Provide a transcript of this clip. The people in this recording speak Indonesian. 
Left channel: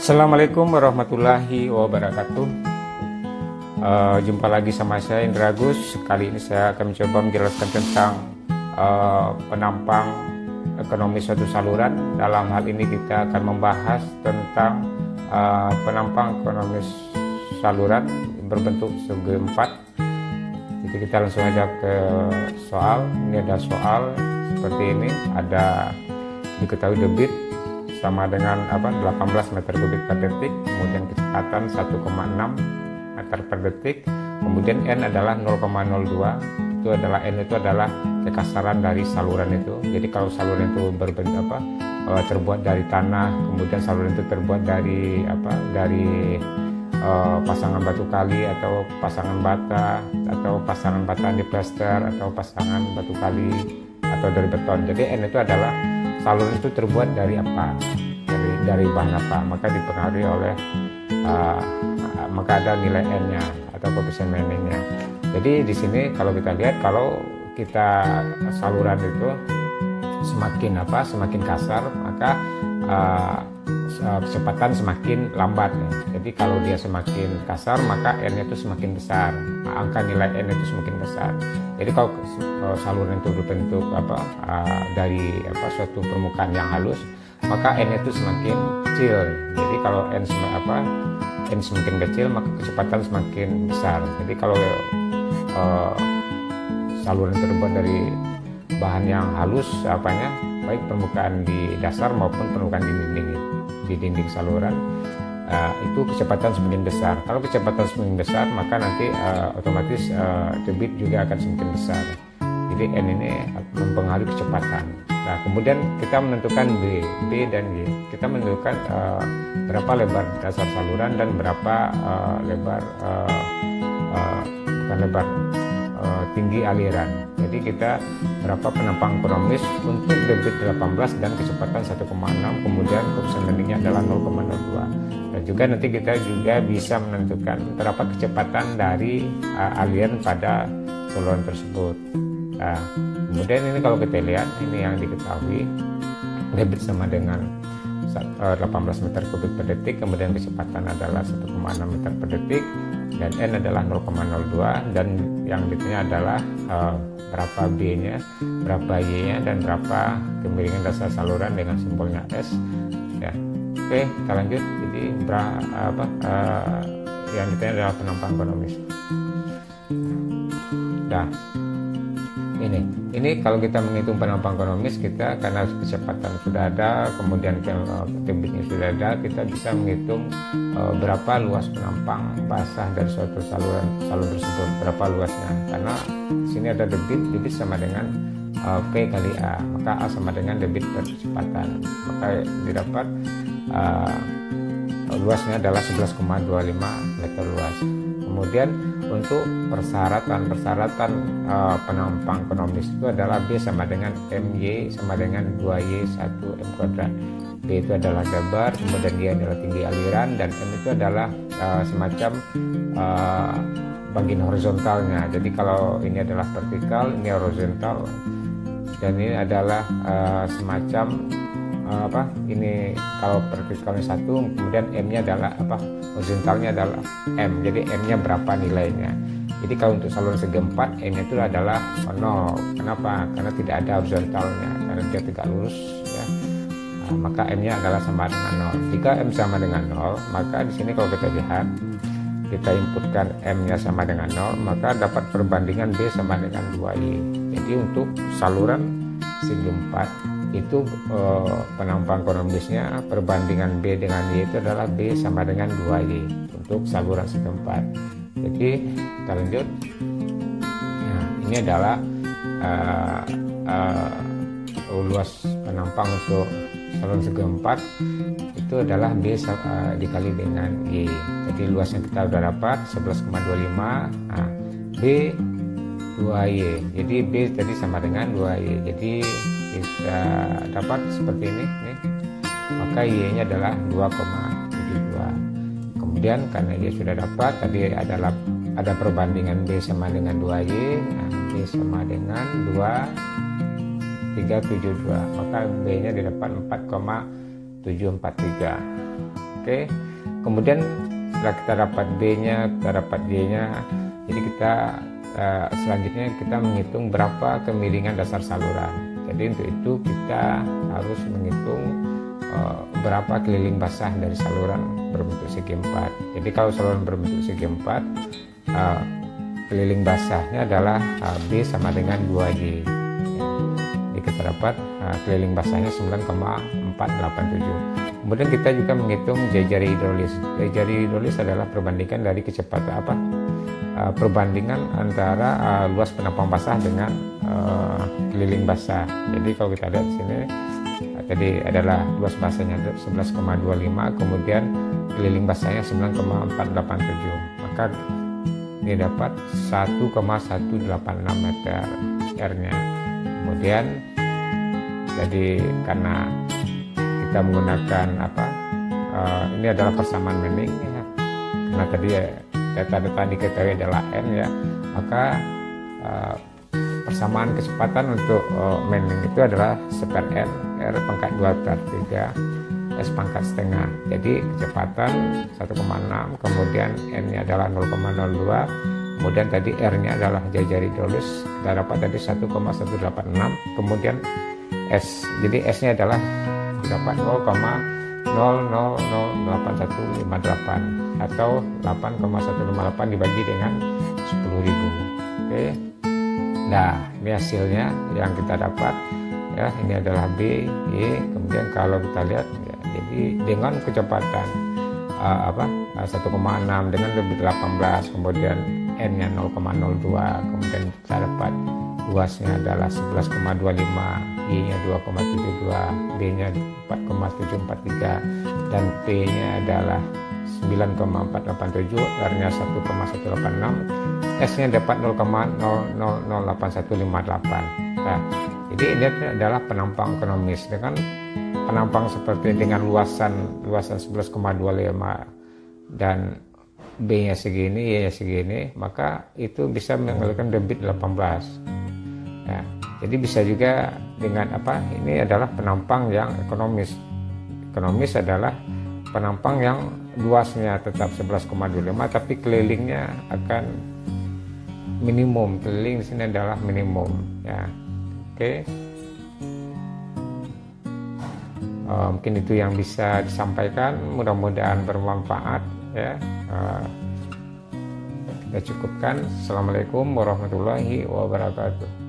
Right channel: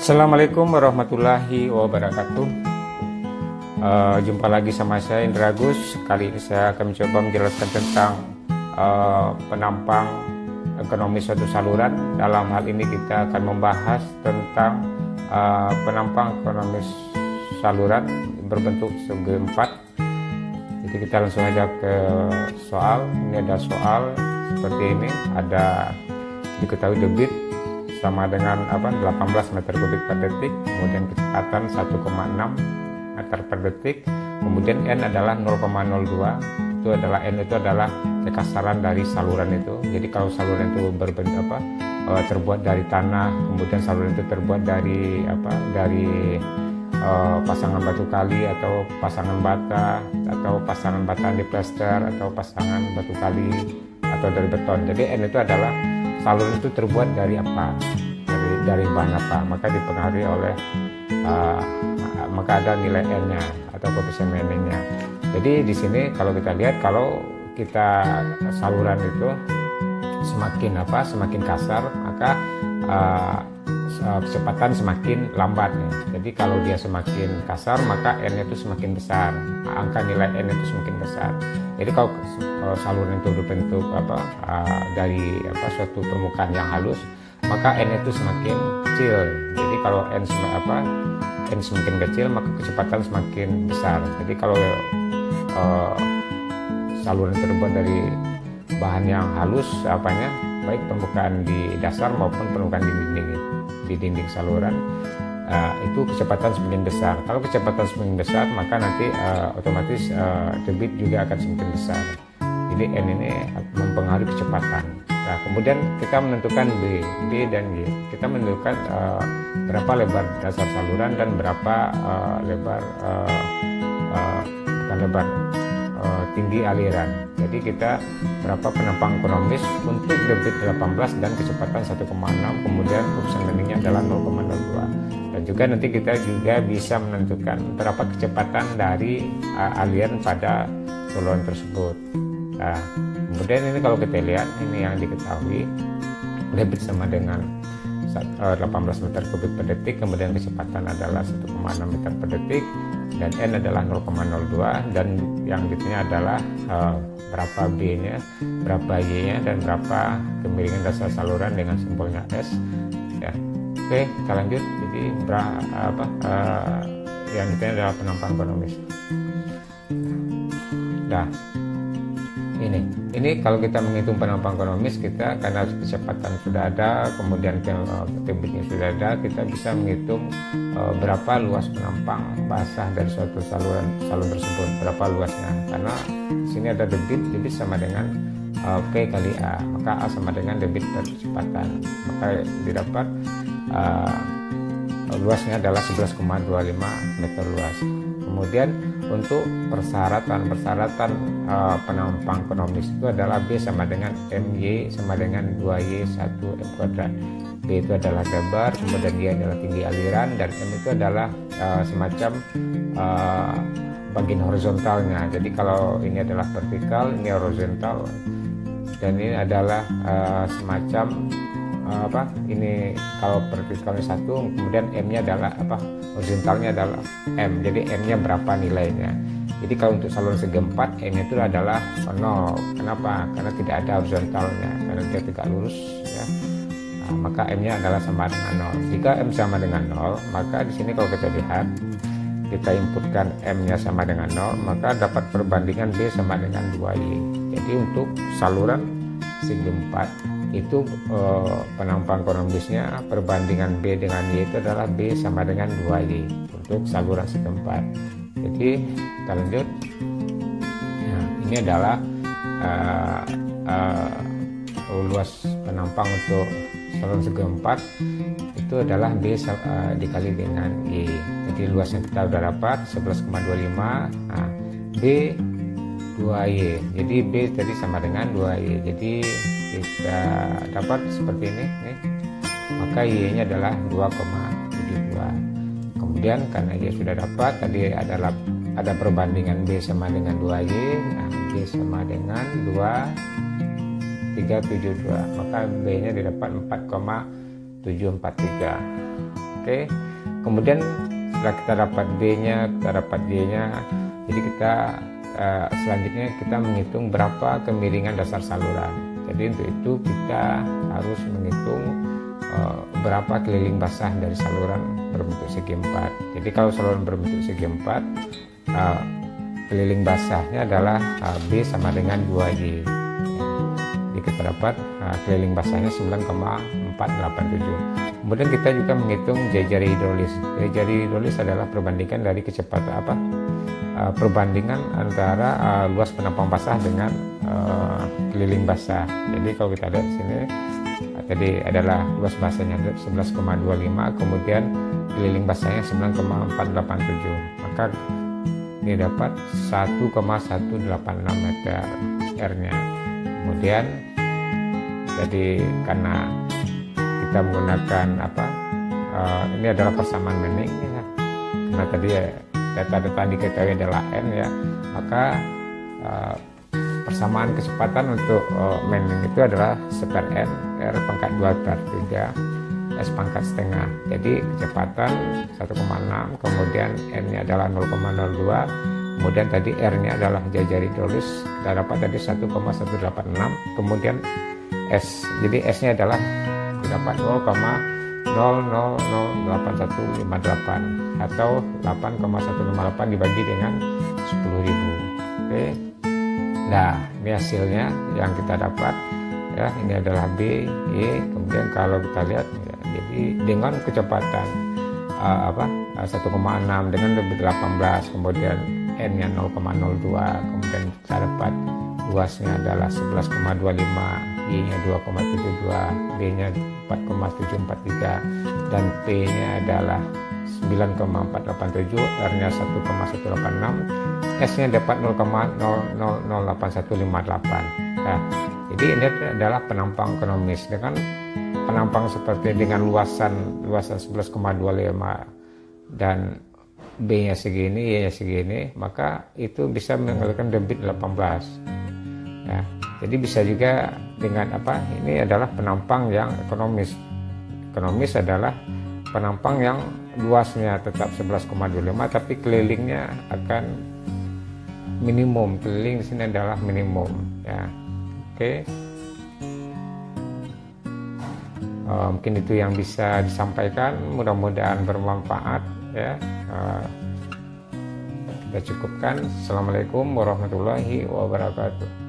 Assalamualaikum warahmatullahi wabarakatuh. Jumpa lagi sama saya Indra Agus. Kali ini saya akan mencoba menjelaskan tentang penampang ekonomi suatu saluran. Dalam hal ini kita akan membahas tentang penampang ekonomi saluran berbentuk segi empat. Jadi kita langsung aja ke soal. Ini ada soal seperti ini. Ada diketahui debit sama dengan 18 meter kubik per detik, kemudian kecepatan 1,6 meter per detik, kemudian N adalah 0,02, itu adalah kekasaran dari saluran itu. Jadi kalau saluran itu terbuat dari tanah, kemudian saluran itu terbuat dari pasangan batu kali atau pasangan bata atau pasangan bata diplester atau pasangan batu kali atau dari beton. Jadi N itu adalah saluran itu terbuat dari apa, dari bahan apa, maka dipengaruhi oleh maka ada nilai N-nya atau koefisien Manning-nya. Jadi di sini kalau kita lihat, kalau kita saluran itu semakin kasar, maka kecepatan semakin lambat ya. Jadi kalau dia semakin kasar, maka N-nya itu semakin besar, angka nilai N itu semakin besar. Jadi kalau saluran itu berbentuk dari suatu permukaan yang halus, maka N itu semakin kecil. Jadi kalau N semakin kecil, maka kecepatan semakin besar. Jadi kalau saluran terbuat dari bahan yang halus, baik permukaan di dasar maupun permukaan di dinding saluran, itu kecepatan semakin besar. Kalau kecepatan semakin besar, maka nanti otomatis debit juga akan semakin besar. Jadi N ini mempengaruhi kecepatan. Nah, kemudian kita menentukan B dan Y. Kita menentukan berapa lebar dasar saluran dan berapa tinggi aliran. Jadi kita berapa penampang ekonomis untuk debit 18 dan kecepatan 1,6, kemudian koefisien Manning-nya adalah 0,02. Dan juga nanti kita juga bisa menentukan berapa kecepatan dari aliran pada saluran tersebut. Nah, kemudian ini kalau kita lihat, ini yang diketahui, debit sama dengan 18 meter kubik per detik, kemudian kecepatan adalah 1,6 meter per detik, dan N adalah 0,02, dan yang ditanya adalah berapa B-nya, berapa Y-nya, dan berapa kemiringan dasar saluran dengan simbolnya S ya. Oke, kita lanjut. Jadi yang ditanya adalah penampang ekonomis. Nah, ini kalau kita menghitung penampang ekonomis, kita karena kecepatan sudah ada, kemudian debitnya sudah ada, kita bisa menghitung berapa luas penampang basah dari suatu saluran tersebut, berapa luasnya. Karena di sini ada debit sama dengan P kali A, maka A sama dengan debit per kecepatan, maka didapat luasnya adalah 11,25 meter luas. Kemudian untuk persyaratan penampang ekonomis itu adalah B sama dengan MY sama dengan 2Y 1 M kuadrat. B itu adalah lebar, kemudian Y adalah tinggi aliran, dan M itu adalah semacam bagian horizontalnya. Jadi kalau ini adalah vertikal, ini horizontal, dan ini adalah semacam ini kalau vertikalnya 1, kemudian M-nya adalah horizontalnya adalah M. Jadi M-nya berapa nilainya. Jadi kalau untuk saluran segi empat, M-nya itu adalah 0. Kenapa? Karena tidak ada horizontalnya, karena dia tegak lurus ya. Nah, maka M-nya adalah sama dengan 0. Jika M sama dengan 0, maka di sini kalau kita lihat, kita inputkan M-nya sama dengan 0, maka dapat perbandingan B sama dengan 2Y. Jadi untuk saluran segi empat itu penampang ekonomisnya, perbandingan B dengan Y itu adalah B sama dengan 2Y untuk saluran segi empat. Jadi kita lanjut. Nah, ini adalah luas penampang untuk saluran segi empat itu adalah B dikali dengan Y. Jadi luasnya kita sudah dapat 11,25. Nah, B 2Y. Jadi B tadi sama dengan 2Y. Jadi kita dapat seperti ini nih. Maka Y-nya adalah 2,72. Kemudian karena Y sudah dapat, tadi adalah ada perbandingan B sama dengan 2Y. Nah, B sama dengan 2,372. Maka B-nya didapat 4,743. Oke, kemudian setelah kita dapat B-nya, kita dapat Y-nya, jadi kita selanjutnya kita menghitung berapa kemiringan dasar saluran. Jadi untuk itu kita harus menghitung berapa keliling basah dari saluran berbentuk segi 4. Jadi kalau saluran berbentuk segi 4, keliling basahnya adalah B sama dengan 2Y. Ya. Jadi kita dapat keliling basahnya 9,487. Kemudian kita juga menghitung jari hidrolis. Jari hidrolis adalah perbandingan dari kecepatan perbandingan antara luas penampang basah dengan keliling basah. Jadi kalau kita lihat di sini tadi adalah luas basahnya 11,25, kemudian keliling basahnya 9,487, maka dia dapat 1,186 meter R-nya. Kemudian jadi karena kita menggunakan ini adalah persamaan Manning ya, karena tadi data-data diketahui adalah N ya, maka persamaan kecepatan untuk Manning itu adalah seper N, R pangkat 2/3, S pangkat setengah. Jadi kecepatan 1,6, kemudian N-nya adalah 0,02, kemudian tadi R-nya adalah jari hidrolis, kita dapat tadi 1,186, kemudian S. Jadi S-nya adalah didapat 0,000158 atau 8,158 dibagi dengan 10.000. Oke. Nah, ini hasilnya yang kita dapat ya. Ini adalah B, Y. Kemudian kalau kita lihat ya, jadi dengan kecepatan 1,6 dengan debit 18, kemudian N-nya 0,02, kemudian kita dapat luasnya adalah 11,25, Y-nya 2,72, B-nya 4,743, dan P-nya adalah 9,487, R-nya 1,186, S-nya dapat 0,008158. Nah, jadi ini adalah penampang ekonomis. Dengan penampang seperti dengan luasan 11,25 dan B-nya segini, Y-nya segini, maka itu bisa mengeluarkan debit 18. Ya, jadi bisa juga dengan ini adalah penampang yang ekonomis. Ekonomis adalah penampang yang luasnya tetap 11,25 tapi kelilingnya akan minimum. Keliling di sini adalah minimum ya. Oke. Mungkin itu yang bisa disampaikan, mudah-mudahan bermanfaat ya. Kita cukupkan. Assalamualaikum warahmatullahi wabarakatuh.